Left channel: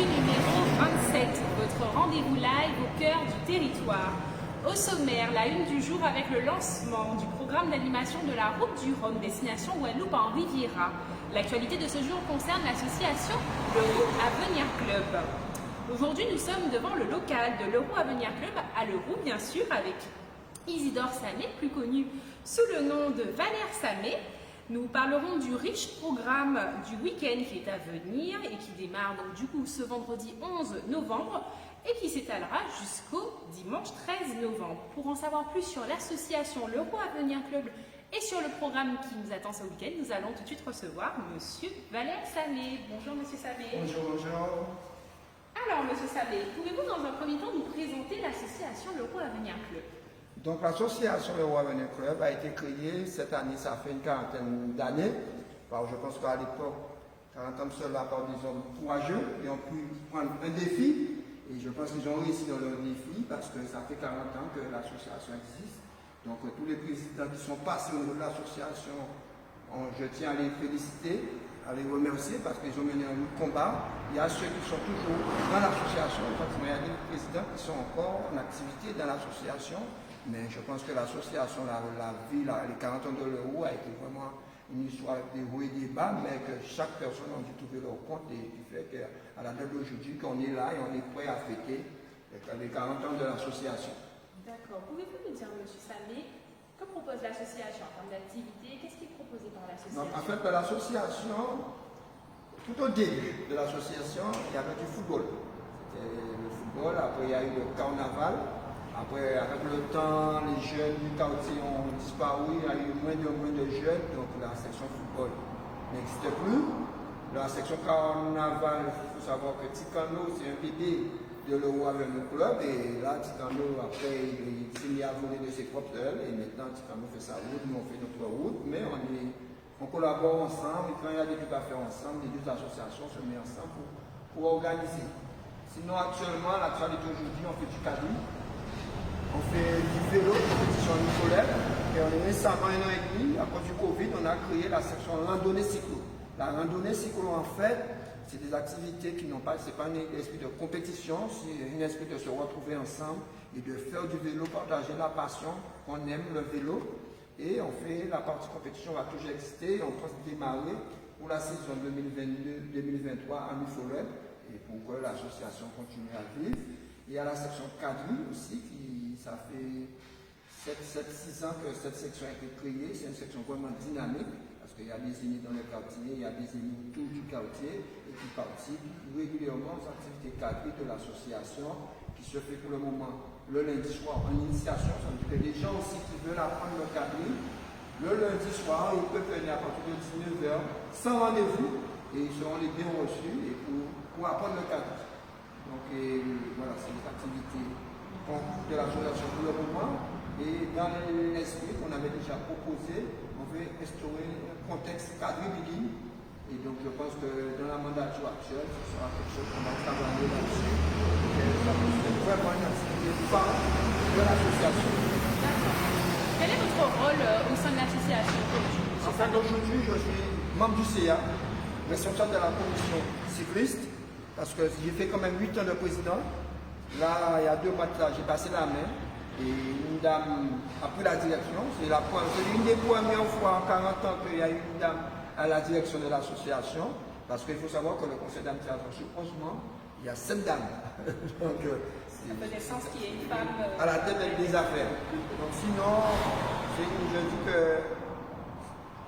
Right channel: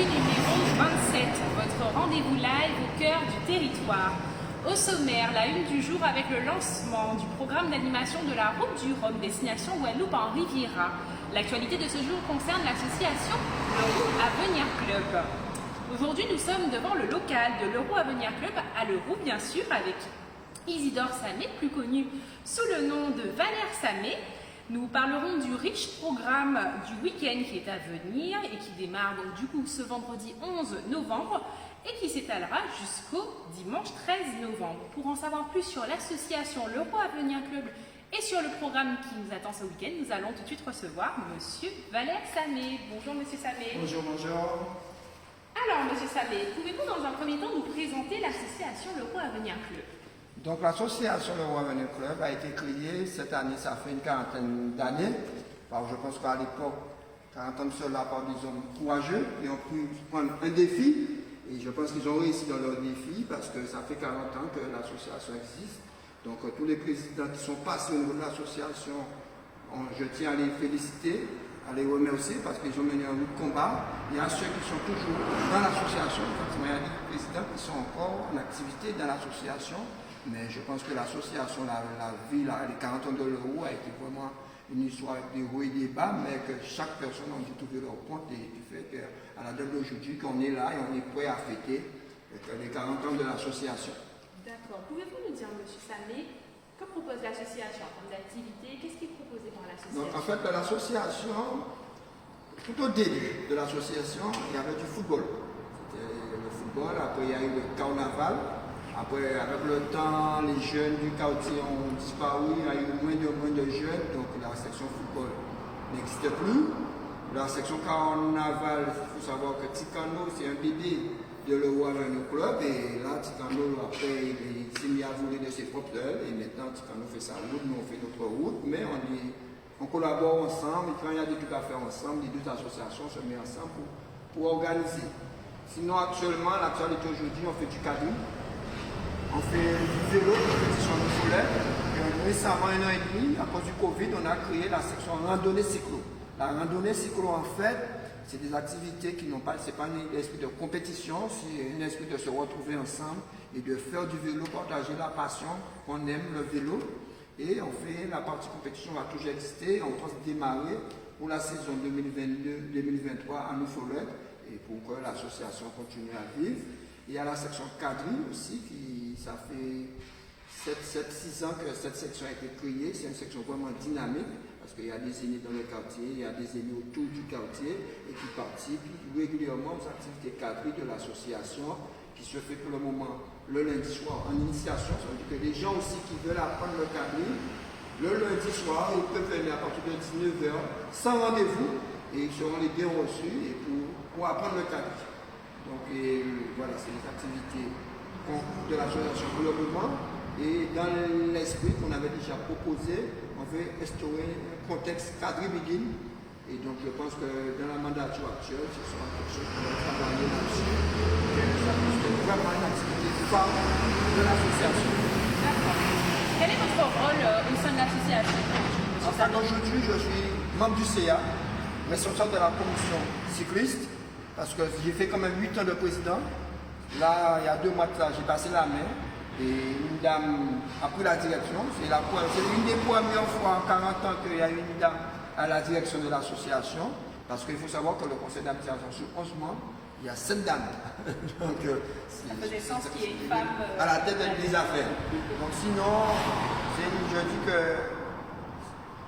Actu numéro 27, votre rendez-vous live au cœur du territoire. Au sommaire, la une du jour avec le lancement du programme d'animation de la Route du Rhum, destination Guadeloupe en Riviera. L'actualité de ce jour concerne l'association l'Euro Avenir Club. Aujourd'hui, nous sommes devant le local de l'Euro Avenir Club à Leroux, bien sûr, avec Isidore Samé, plus connu sous le nom de Valère Samé. Nous parlerons du riche programme du week-end qui est à venir et qui démarre donc du coup ce vendredi 11 novembre et qui s'étalera jusqu'au dimanche 13 novembre. Pour en savoir plus sur l'association l'Euro Avenir Club et sur le programme qui nous attend ce week-end, nous allons tout de suite recevoir Monsieur Valère Samé. Bonjour Monsieur Samé. Bonjour, bonjour. Alors Monsieur Samé, pouvez-vous dans un premier temps nous présenter l'association l'Euro Avenir Club? Donc l'association Le Roi Avenir Club a été créée cette année, ça fait une quarantaine d'années. Je pense qu'à l'époque, 40 ans de cela par des hommes courageux et ont pu prendre un défi. Et je pense qu'ils ont réussi dans leur défi parce que ça fait 40 ans que l'association existe. Donc tous les présidents qui sont passés au niveau de l'association, je tiens à les féliciter, à les remercier parce qu'ils ont mené un combat. Il y a ceux qui sont toujours dans l'association, il y a des présidents qui sont encore en activité dans l'association. Mais je pense que l'association, la vie, les 40 ans de l'euro a été vraiment une histoire des hauts et des bas, mais que chaque personne a dû trouver leur compte et qui fait qu'à la date d'aujourd'hui, qu'on est là et on est prêt à fêter les 40 ans de l'association. D'accord. Pouvez-vous nous dire, M. Samé, que propose l'association en termes d'activité? Qu'est-ce qui est proposé par l'association? En fait, l'association, tout au début de l'association, il y avait du football. C'était le football, après il y a eu le carnaval. Après, avec le temps, les jeunes du quartier ont disparu, il y a eu moins de jeunes, donc la section football n'existe plus. La section carnaval, il faut savoir que Ticano, c'est un bébé de l'Euro Avenir Club, et là, Ticano, après, il s'est mis à voler de ses propres ailes, et maintenant, Ticano fait sa route, nous on fait notre route, mais on collabore ensemble, et quand il y a des trucs à faire ensemble, les deux associations se mettent ensemble pour organiser. Sinon, actuellement, l'actualité aujourd'hui, on fait du caddie. On fait du vélo, compétition scolaire. Et récemment, 1 an et demi, à cause du Covid, on a créé la section randonnée cyclo. La randonnée cyclo, en fait, c'est des activités qui n'ont pas, c'est pas un esprit de compétition, c'est un esprit de se retrouver ensemble et de faire du vélo, partager la passion, qu'on aime le vélo. Et on fait la partie compétition va toujours exister. On pense démarrer pour la saison 2022-2023 à Mifolet et pour que l'association continue à vivre. Il y a la section quadrille aussi, ça fait 7-6 ans que cette section a été créée. C'est une section vraiment dynamique parce qu'il y a des aînés dans le quartier, il y a des aînés autour du quartier et qui participent régulièrement aux activités quadrilles de l'association qui se fait pour le moment le lundi soir en initiation. Ça veut dire que les gens aussi qui veulent apprendre le quadrille, le lundi soir, ils peuvent venir à partir de 19h sans rendez-vous et ils seront les bien reçus et pour apprendre le quadrille. Donc voilà, c'est les activités de l'association pour le moment. Et dans l'esprit qu'on avait déjà proposé, on veut instaurer un contexte quadrille. Et donc je pense que dans la mandature actuelle, ce sera quelque chose qu'on va travailler là-dessus. Ça peut vraiment une activité phare de l'association. D'accord. Quel est votre rôle au sein de l'association? En fait, aujourd'hui, je suis membre du CA, responsable de la commission cycliste. Parce que j'ai fait quand même 8 ans de président. Là, il y a 2 mois de ça, j'ai passé la main et une dame a pris la direction. C'est une des premières fois en 40 ans qu'il y a une dame à la direction de l'association. Parce qu'il faut savoir que le conseil d'administration sur 11 membres, il y a 7 dames. Donc, ça faisait sens qu'il y ait une femme à la tête des affaires. Donc sinon, je dis que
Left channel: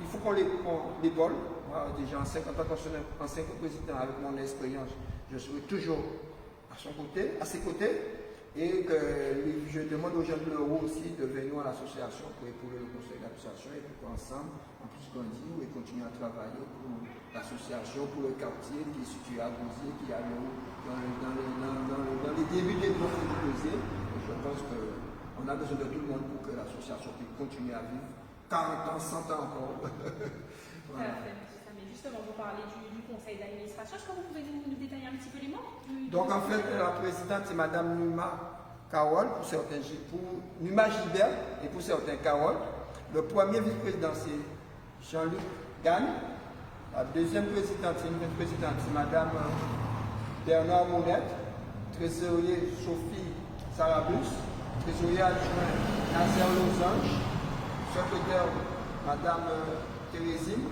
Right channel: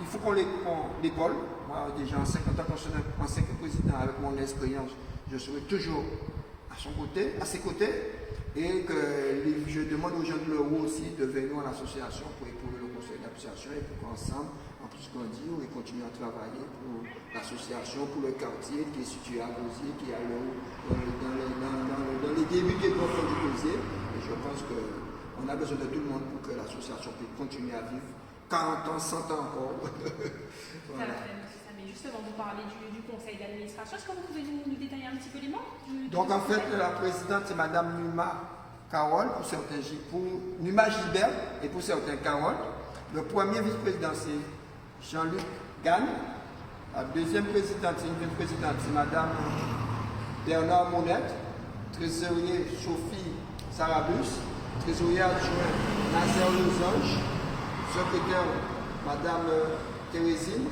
il faut qu'on l'école. Moi, déjà en 50 ans, en 5 président, avec mon expérience, je serai toujours à ses côtés, et que je demande aux gens de l'Euro aussi de venir à l'association pour épauler le conseil d'association et pour qu'ensemble, en plus grandir et continuer à travailler pour l'association, pour le quartier qui est situé à Gosier, qui est dans les débuts des profils du Gosier. Et je pense qu'on a besoin de tout le monde pour que l'association puisse continuer à vivre 40 ans, 100 ans encore. Voilà. Justement, vous parlez du conseil d'administration. Est-ce que vous pouvez nous détailler un petit peu les membres Donc, en fait, la présidente est Mme Numa Carole, Numa Gilbert et pour certains Carole. Le premier vice-président, c'est Jean-Luc Gagne. La deuxième présidente, c'est Mme Bernard Monette, trésorier Sophie Sarabus, trésorier adjoint Nazaire Losange, secrétaire Madame Thérésine,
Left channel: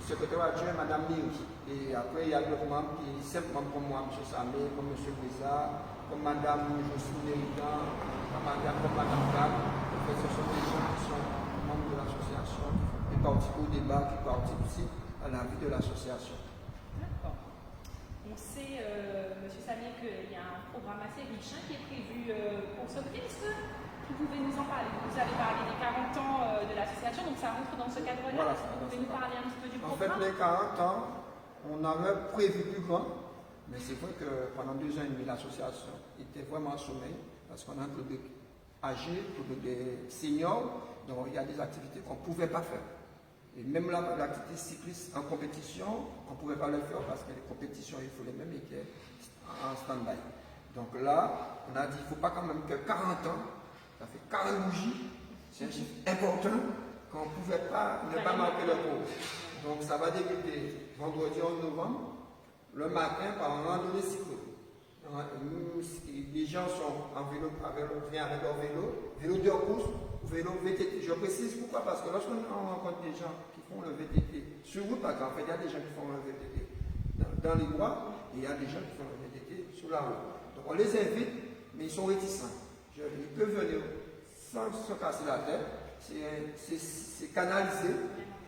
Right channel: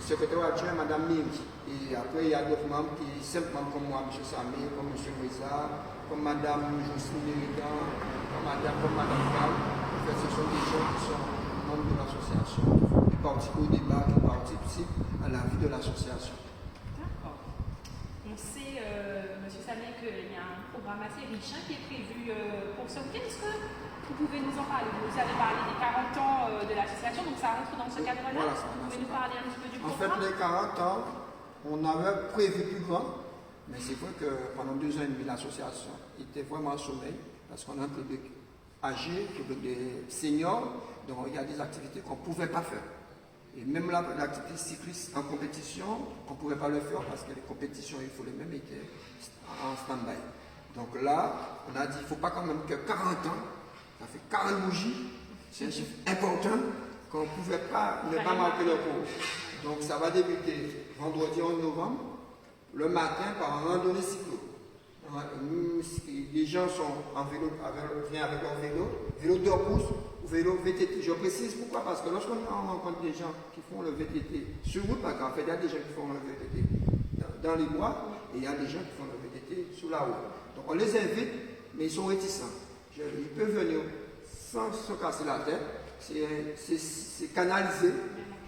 secrétaire adjoint Madame Ming. Et après, il y a d'autres membres qui, simplement comme moi, M. Samé, comme M. Brisa, comme Madame Jocelyne Méridan, comme Madame Val. En fait, ce sont des gens qui sont membres de l'association, qui participent au débat, qui participent à la vie de l'association. D'accord. On sait, M. Samé, qu'il y a un programme assez riche qui est prévu pour ce week-end. Est-ce que vous pouvez nous en parler? Vous avez parlé des 40 ans de l'association, donc ça rentre dans ce cadre-là. Voilà, vous pouvez nous parler un petit peu du programme? En fait, programme? les 40 ans, on avait prévu plus grand, mais c'est vrai que pendant 2 ans et demi, l'association était vraiment au sommeil, parce qu'on a un public âgé, un public des seniors, donc il y a des activités qu'on ne pouvait pas faire. Et même l'activité cycliste en compétition, on ne pouvait pas le faire parce que les compétitions, il faut les mêmes, étaient en stand-by. Donc là, on a dit, il ne faut pas quand même que 40 ans, ça fait 40 bougies, c'est un chiffre important qu'on ne pouvait pas ne pas marquer le coup. Donc ça va débuter vendredi 11 novembre, le matin par un randonnée cyclo. Les gens sont en vélo, viennent avec leur vélo 2 pouces ou vélo VTT. Je précise pourquoi, parce que lorsqu'on rencontre des gens qui font le VTT sur route, parce qu'en fait il y a des gens qui font le VTT dans les bois et il y a des gens qui font le VTT sur la route. Donc on les invite, mais ils sont réticents. Ils peuvent venir sans se casser la tête, c'est canalisé.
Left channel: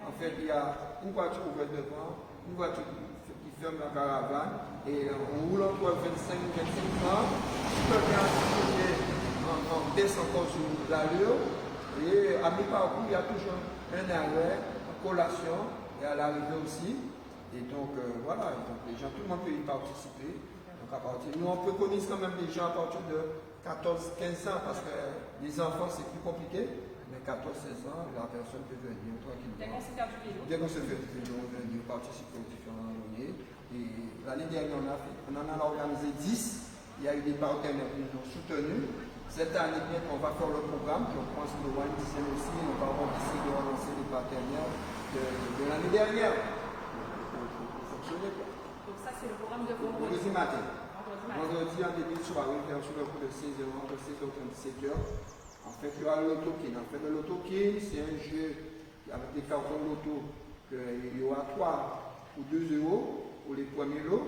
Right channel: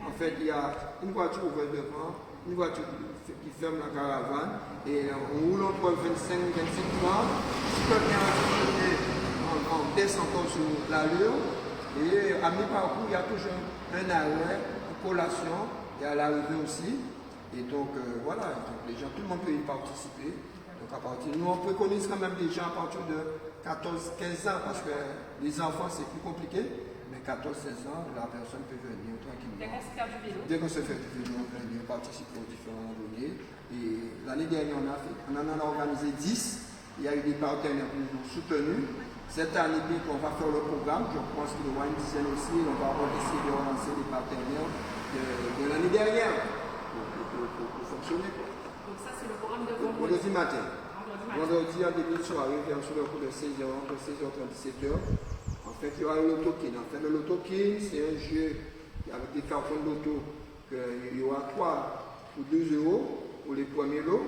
En fait, il y a une voiture ouverte devant, une voiture qui ferme la caravane, et on roule entre 25 30, on baisse encore sur l'allure, et à mi-parcours, il y a toujours un arrêt, une collation, et à l'arrivée aussi. Et donc, voilà, donc les gens, tout le monde peut y participer. Donc, à partir, nous, on préconise quand même des gens à partir de 14-15 ans, parce que les enfants, c'est plus compliqué. Mais 14-16 ans, la personne peut venir tranquillement. Dès qu'on se fait du vélo. Dès qu'on se fait du vélo, venir participer aux différents randonnées. Et l'année dernière, on en a organisé 10. Il y a eu des partenaires qui nous ont soutenus. Cette année, bien qu'on va faire le programme, je pense qu'il y aura une dizaine aussi. On va essayer de relancer les partenaires de l'année dernière pour fonctionner. Donc ça, c'est le programme de vendredi matin. Vendredi en début de soirée, bien sûr, le cours de 16h, entre 16h et 17h. En fait, il y aura le loto-kin. En fait, le loto-kin, c'est un jeu avec des cartons de loto. Il y aura 3 ou 2 euros pour les premiers lots.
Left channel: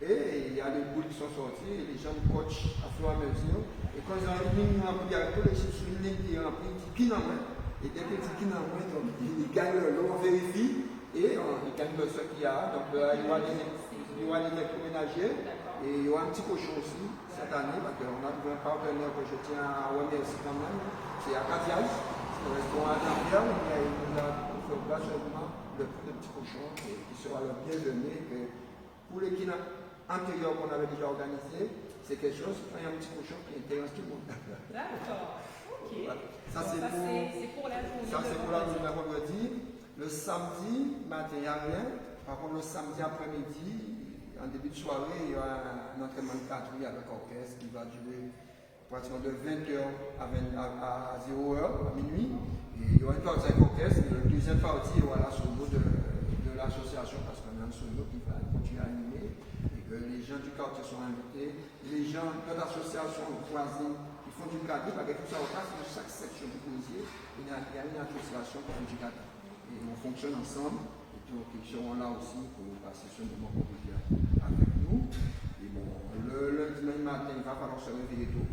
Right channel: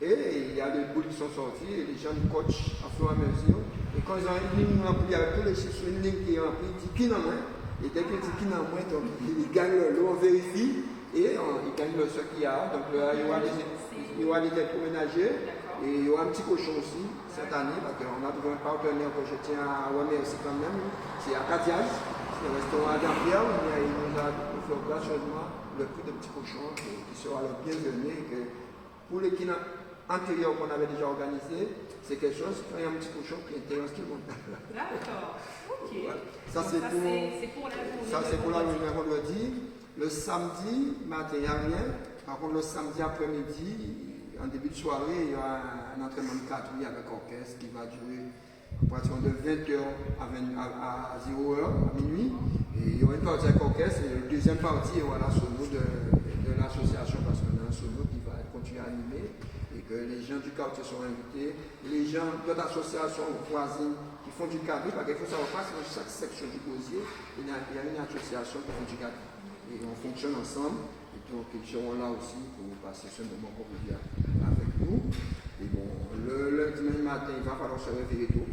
Et il y a des boules qui sont sorties et les gens coachent à fur et à mesure. Et quand ils ont une ligne remplie, il y a que sur une ligne qui est remplie, ils disent kin en main. Et dès qu'ils disent kin en main, donc ils gagnent le lot, on vérifie et ils gagnent ce qu'il y a. Donc il y aura des électroménagers. Et il y aura un petit cochon aussi cette année, parce qu'on a trouvé un partenaire que je tiens à remercier quand même, c'est Acadias, c'est le restaurant Gabriel, mais il nous a fait gracieusement le prix de petit cochon qui sera le bienvenu. Et que pour les kines antérieurs qu'on avait déjà organisés, c'est quelque chose, quand il y a un petit cochon qui intéresse tout le monde. D'accord, ok. Voilà. Ça c'est pour la journée vendredi. Le samedi matin, il n'y a rien. Par contre, le samedi après-midi, en début de soirée, il y aura un entraînement de quadrille avec orchestre qui va durer à partir de 20h à 0h, à minuit. Et il y aura une partie avec orchestre et la deuxième partie, il y aura la solo de l'association parce qu'on a un solo qui va continuer à animer et que les gens du quartier sont invités. Les gens de l'association voisines qui font du quadrille, parce qu'il faut savoir pas dans chaque section du gosier, il y a une association qui fait du quadrille. Et on fonctionne ensemble. Donc ils seront là aussi pour passer ce moment convivial avec nous. Et bon, le dimanche matin, il va falloir se réveiller tôt,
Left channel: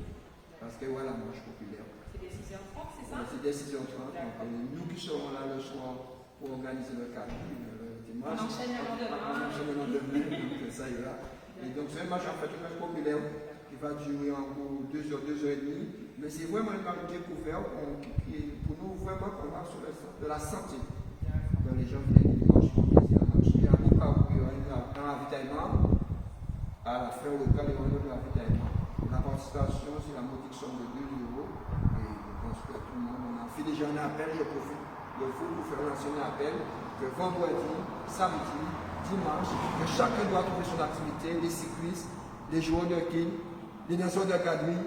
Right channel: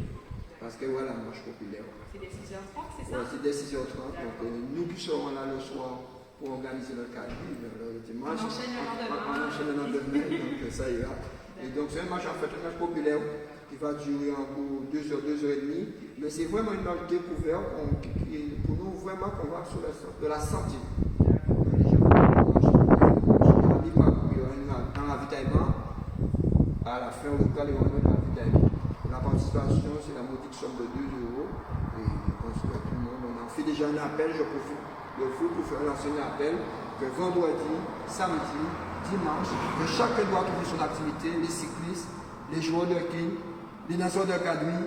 parce que voilà, la marche populaire. C'est des 6h30, c'est ça? Ouais, c'est des 6h30. Donc nous qui serons là le soir pour organiser le cadre le dimanche. On enchaîne le lendemain, donc ça ira. Et donc c'est un marche en fait très populaire qui va durer en cours 2 heures, 2 heures et demie. Mais c'est vraiment une marche découverte pour nous vraiment qu'on va sur de la santé. Un ravitaillement, à la fin locale, il y aura un ravitaillement. La participation, c'est la modique somme de 2 euros. Et on souhaite tout le monde. On a fait déjà un appel, je profite de vous pour faire lancer un appel que vendredi, samedi, dimanche, chacun doit trouver son activité, les cyclistes, les joueurs de quilles, les danseurs de quadrille,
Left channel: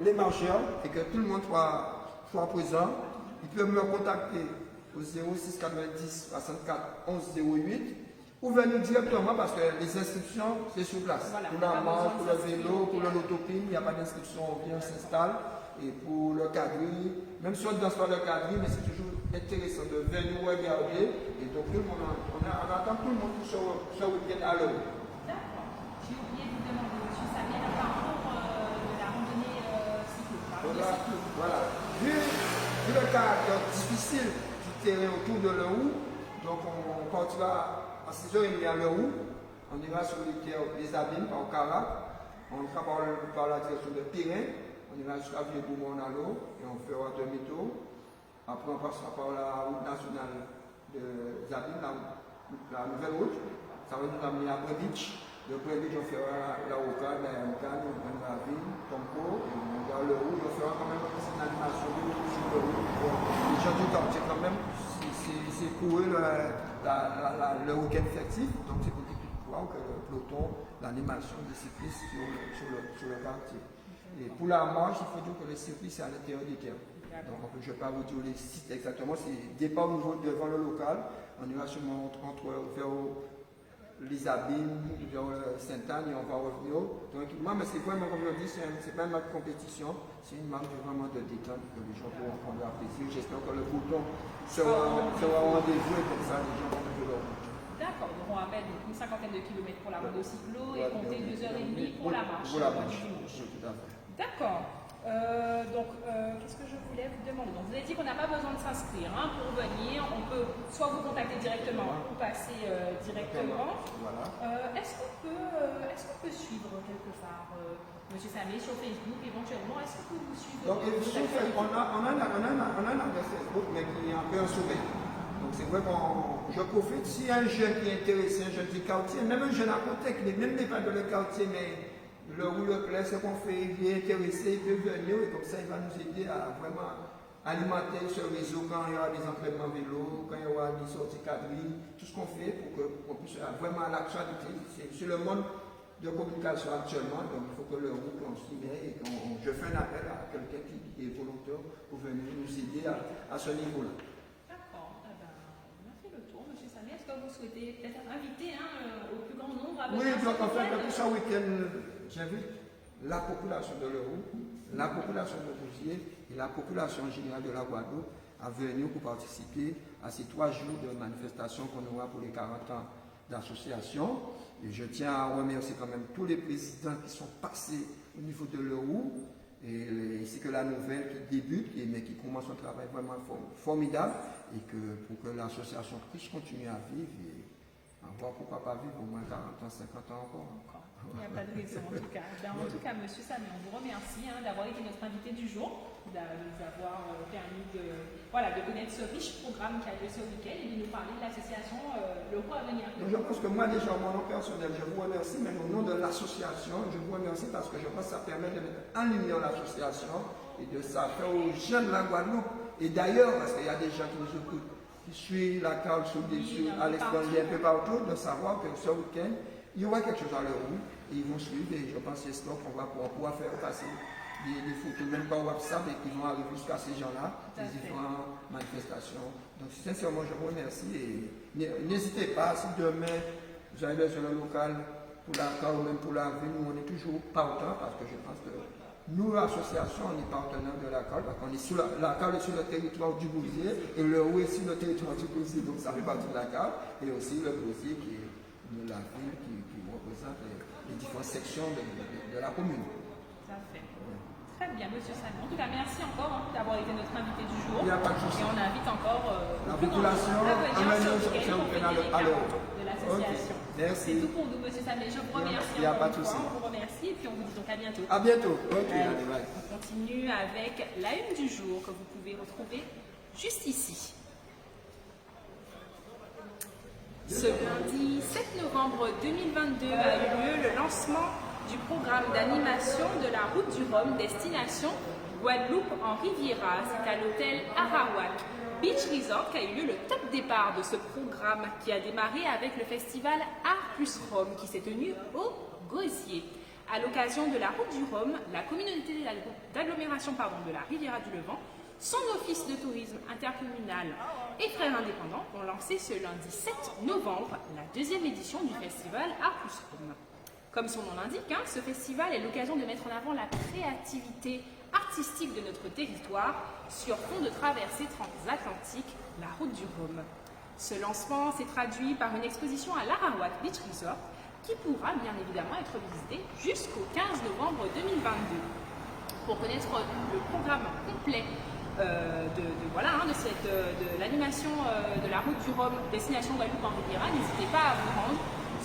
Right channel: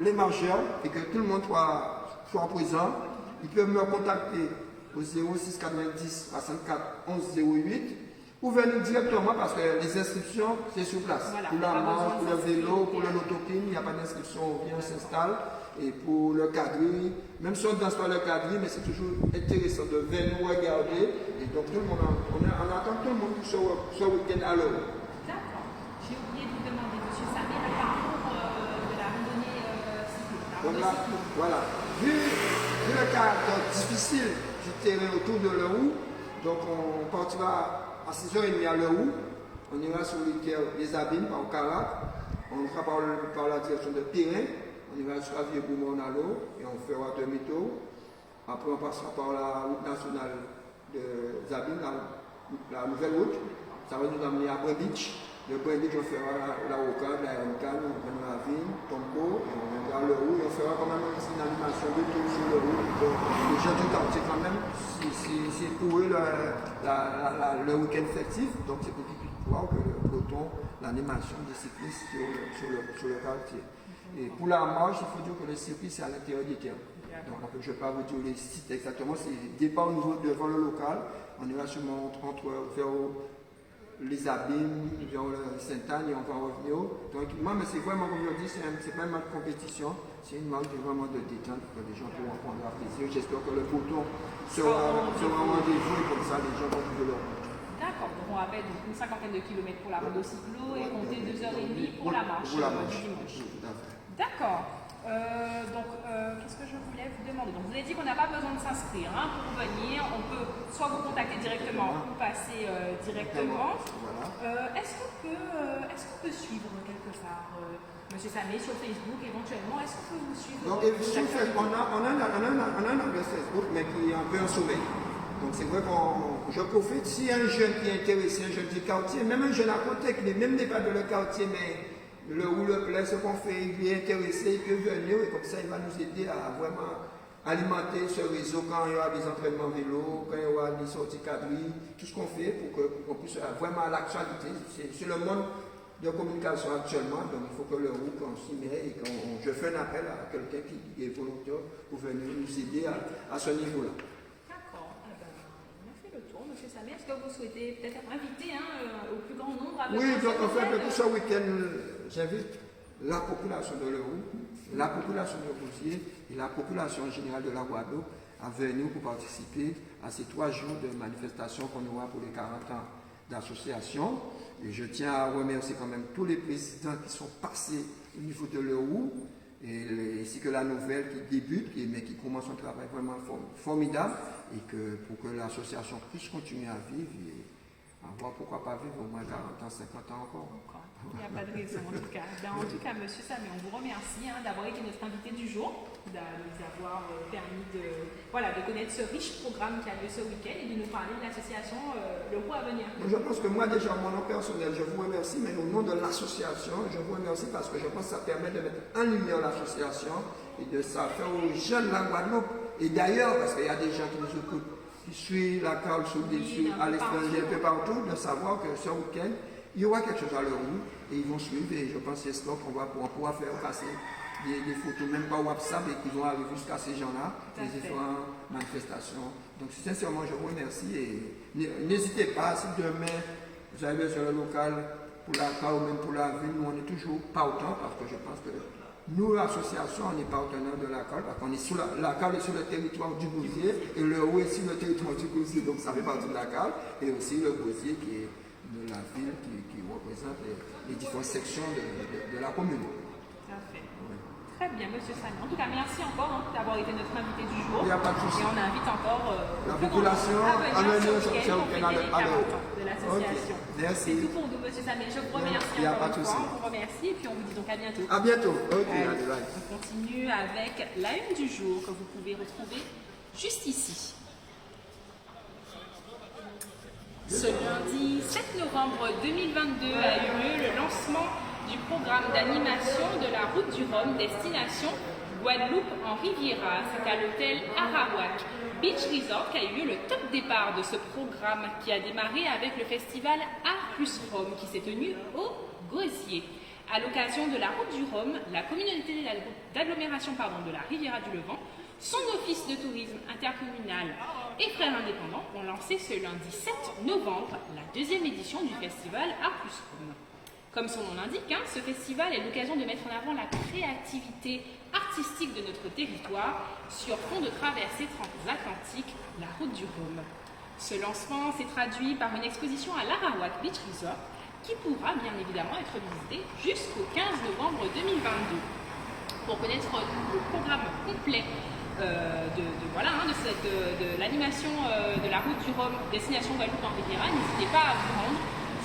les marcheurs, et que tout le monde soit présent. Ils peuvent me contacter au 06 90 64 11 08 ou venir directement parce que les inscriptions, c'est sur place. Voilà, pour la marche, pour le vélo, pour l'autocline, il n'y a pas d'inscription, on vient, on s'installe. Et pour le quadrille, même si on ne danse pas le quadrille, mais c'est toujours intéressant de venir nous regarder. Et donc tout le monde, on attend tout le monde pour ce week-end à l'heure. D'accord. J'ai oublié de vous demander, monsieur Samir, le parcours de la randonnée cycliste. Voilà. Vu le caractère difficile du terrain autour de l'Eau, donc on partira à 6h30 à l'Eau, on ira sur les terres des Abîmes, par Carac, on ira par la direction de Pirin. On ira jusqu'à Vieux-Bourmont à l'eau et on fera demi-tour. Après, on passera par la route nationale de Zabine, la nouvelle route. Ça va nous amener à Brenditch. De Brenditch, on fera la Rocade, la Yankan, on va la ville, Tombeau, et on ira le roue. On fera quand même une animation de tout sur le roue. Les gens du quartier, quand même, c'est pour eux le week-end festif. Donc, c'est pour qu'ils puissent voir que le peloton, l'animation des cyclistes sur le quartier. Et pour la marche, il faut dire que le circuit, c'est à l'intérieur des terres. Donc, je ne vais pas vous dire les sites exactement. C'est départ au niveau devant le local. On ira sûrement vers les Abîmes, vers Sainte-Anne et on va revenir. Donc, moi, mais c'est vraiment, comme je le dis, c'est pas une marque de compétition. C'est une marque vraiment de détente que les gens pourront prendre leur plaisir. J'espère que le peloton sera au rendez-vous et comme ça, les gens vont plus de leur route. D'accord, donc on rappelle une cinquantaine de kilomètres pour la rando cyclo et compter 2h30 pour la marche. D'accord. Qu'est-ce que je voulais vous demander? Donc, vous avez dit qu'on n'a pas besoin de s'inscrire pour venir. On peut soit vous contacter directement ou passer directement. Est-ce qu'on peut suivre quelque part Monsieur Samé sur Facebook éventuellement? Est-ce qu'on peut vous suivre? Donc, on a un adresse Facebook, mais qui est un peu en sommeil. Donc c'est vrai que je profite, si un jeune qui est intéressé, un jeune du quartier, même un jeune à côté qui n'est même pas de le quartier, mais le ou le plaît, ce qu'on fait, il est intéressé, il peut venir, et comme ça il va nous aider à vraiment alimenter ce réseau quand il y aura des entraînements vélo, quand il y aura des sorties quadrilles, tout ce qu'on fait pour qu'on puisse vraiment à l'actualité. C'est le monde de communication actuellement, donc il faut que le roue qu'on s'y met et que je fais un appel à quelqu'un qui est volontaire pour venir nous aider à ce niveau-là. Monsieur Samir, est-ce que vous souhaitez peut-être inviter au plus grand nombre à Oui, donc en fait, pour ce week-end, j'invite la population de l'Euro, la population de Boussier et la population générale de la Guadeloupe à venir pour participer à ces 3 jours de manifestation qu'on aura pour les 40 ans d'association. Et je tiens à remercier quand même tous les présidents qui sont passés au niveau de l'Euro, ainsi que la nouvelle qui débute, mais qui commence un travail vraiment formidable, et que pour que l'association puisse continuer à vivre et avoir, pourquoi pas vivre au moins 40 ans, 50 ans encore. Il n'y a pas de raison en tout cas. En tout cas, monsieur Samir, on vous remercie d'avoir été notre invité du jour, de nous avoir permis de connaître ce riche programme qui a lieu ce week-end et de nous parler de l'association Le Roux à venir. Je pense que moi déjà, mon nom personnel, je vous remercie, mais au nom de l'association, je vous remercie parce que je pense que ça permet de mettre en lumière l'association et de ça faire aux jeunes de la Guadeloupe. Et d'ailleurs, parce qu'il y a des gens qui nous écoutent, qui suivent la carte à l'extérieur, un peu partout, de savoir que ce week-end, il y aura quelque chose à leur roue et ils vont suivre. Et je pense que c'est qu'on va pouvoir faire passer des photos, même par WhatsApp, et qui vont arriver jusqu'à ces gens-là, les différentes manifestations. Donc, sincèrement, je vous remercie et n'hésitez pas, si demain vous avez besoin le local pour la carte ou même pour la ville, nous on est toujours partant parce que je pense que nous, l'association, on est partenaire de la CAL, parce qu'on est sur la CAL est sur le territoire du Bousier, et le OU est sur le territoire du Bousier, donc ça fait partie de la CAL, et aussi le Bousier qui est de la ville qui représente les différentes sections de la commune. Tout à fait. Très bien, monsieur Samir. En tout cas, merci encore d'avoir été notre invité du jour. Il n'y a pas de souci. Et on invite encore la population à venir ce week-end pour fêter les 40 ans de l'association. Merci. C'est tout pour nous, monsieur Samir. Je vous remercie encore une fois. On vous remercie et puis on vous dit donc à bientôt. À bientôt. On continue avec la une du jour que vous pouvez retrouver juste ici. Ce lundi 7 novembre 2022 a eu lieu le lancement du programme d'animation de la route du Rhum destination Guadeloupe en Riviera. C'est à l'hôtel Arawak Beach Resort qu'a eu lieu le top départ de ce programme qui a démarré avec le festival Art plus Rhum qui s'est tenu au Gosier. À l'occasion de la route du Rhum, la communauté d'agglomération de la Riviera du Levant Son office de tourisme intercommunal et Frères Indépendants ont lancé ce lundi 7 novembre la deuxième édition du festival Art plus Rome. Comme son nom l'indique, ce festival est l'occasion de mettre en avant la créativité artistique de notre territoire sur fond de traversée transatlantique, la route du Rhum. Ce lancement s'est traduit par une exposition à l'Arawak Beach Resort qui pourra bien évidemment être visitée jusqu'au 15 novembre 2022. Pour connaître le programme complet de l'animation de la route du Rhum destination Guadeloupe en Riviera, n'hésitez pas à vous rendre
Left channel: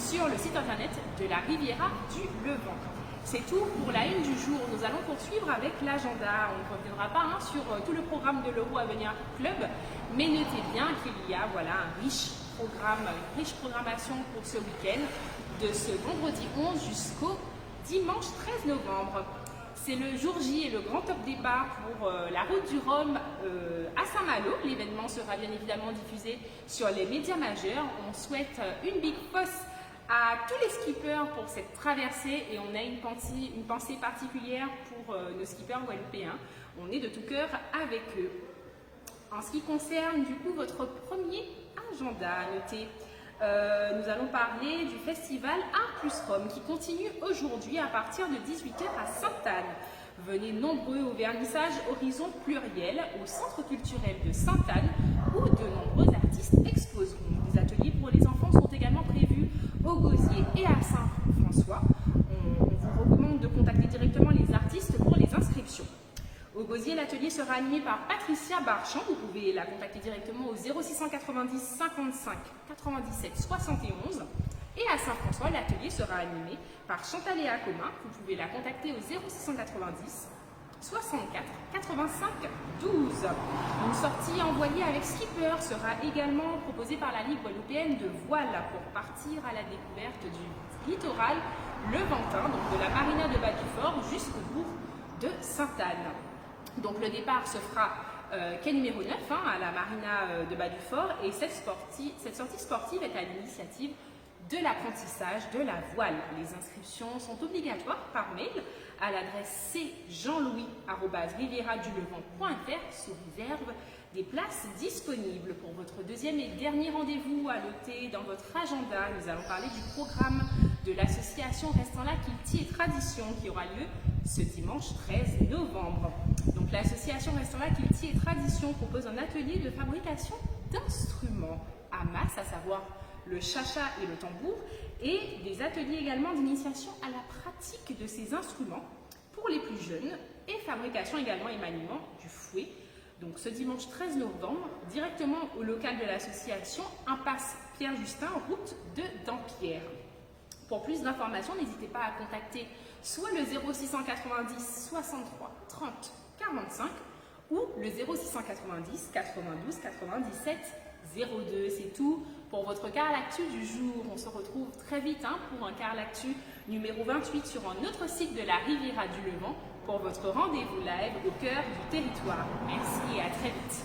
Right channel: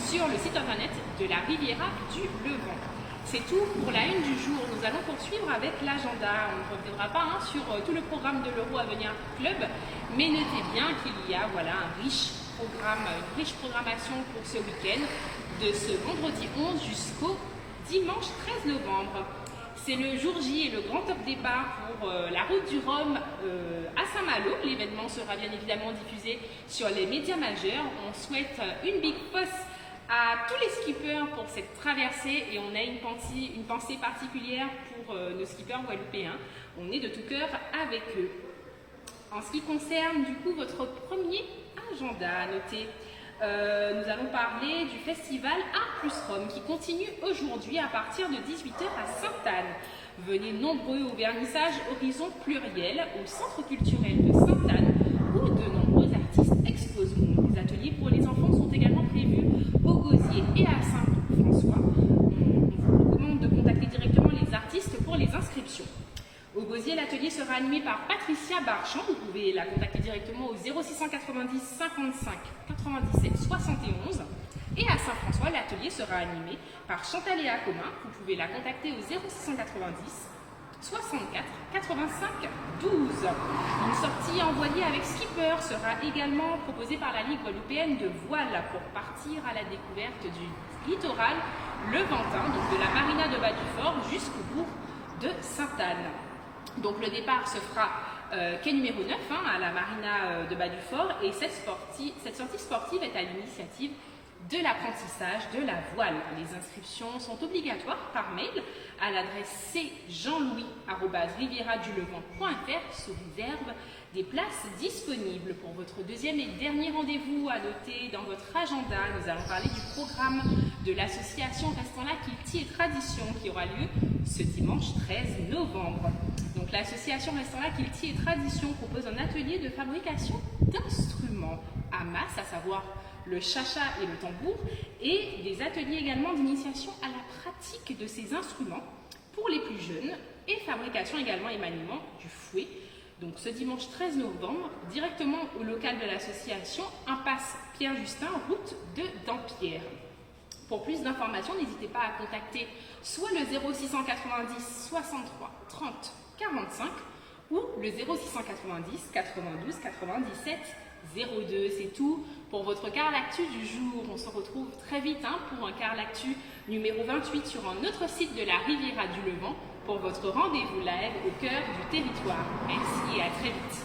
sur le site internet de la Riviera du Levant. C'est tout pour la une du jour. Nous allons poursuivre avec l'agenda. On ne reviendra pas sur tout le programme de l'Euro Avenir Club, mais notez bien qu'il y a un riche programme, une riche programmation pour ce week-end, de ce vendredi 11 jusqu'au dimanche 13 novembre. C'est le jour J et le grand top départ pour la route du Rhum à Saint-Malo. L'événement sera bien évidemment diffusé sur les médias majeurs. On souhaite une big boss à tous les skippers pour cette traversée et on a une pensée particulière pour nos skippers guadeloupéens. On est de tout cœur avec eux. En ce qui concerne du coup votre premier agenda à noter, nous allons parler du festival Art plus Rome qui continue aujourd'hui à partir de 18h à Sainte-Anne. Venez nombreux au vernissage Horizon Pluriel au Centre culturel de Sainte-Anne où de nombreux artistes exposeront. Des ateliers pour les enfants sont également prévus au Gosier et à Saint-François. On vous recommande de contacter directement les artistes pour les inscriptions. Au Gosier, l'atelier sera animé par Patricia Barchamp. Vous pouvez la contacter directement au 0690 55 97 71. Et à Saint-François, l'atelier sera animé par Chantal et Acoma. Vous pouvez la contacter au 0690 64 85 12. Une sortie en voilier avec skipper sera également proposée par la Ligue guadeloupéenne de voile pour partir à la découverte du littoral levantin, donc de la marina de Bas-du-Fort jusqu'au bourg de Sainte-Anne. Donc le départ se fera quai numéro 9 à la marina de Bas-du-Fort et cette sortie sportive est à l'initiative de l'apprentissage de la voile. Les inscriptions sont obligatoires par mail à l'adresse cjeanlouis@rivieradulevant.fr sous réserve des places disponibles. Pour votre deuxième et dernier rendez-vous à noter dans votre agenda, nous allons parler du programme de l'association Restons là Kilti et Tradition qui aura lieu ce dimanche 13 novembre. Donc l'association Restons là Kilti et Tradition propose un atelier de fabrication d'instruments à masse, à savoir le chacha et le tambour, et des ateliers également d'initiation à la pratique de ces instruments pour les plus jeunes, et fabrication également et maniement du fouet. Donc ce dimanche 13 novembre, directement au local de l'association, impasse Pierre-Justin, route de Dampierre. Pour plus d'informations, n'hésitez pas à contacter soit le 0690 63 30 45 ou le 0690 92 97 02. C'est tout pour votre Car L'actu du jour. On se retrouve très vite pour un Car L'actu numéro 28 sur un autre site de la Riviera du Levant pour votre rendez-vous live au cœur du territoire. Merci et à très vite.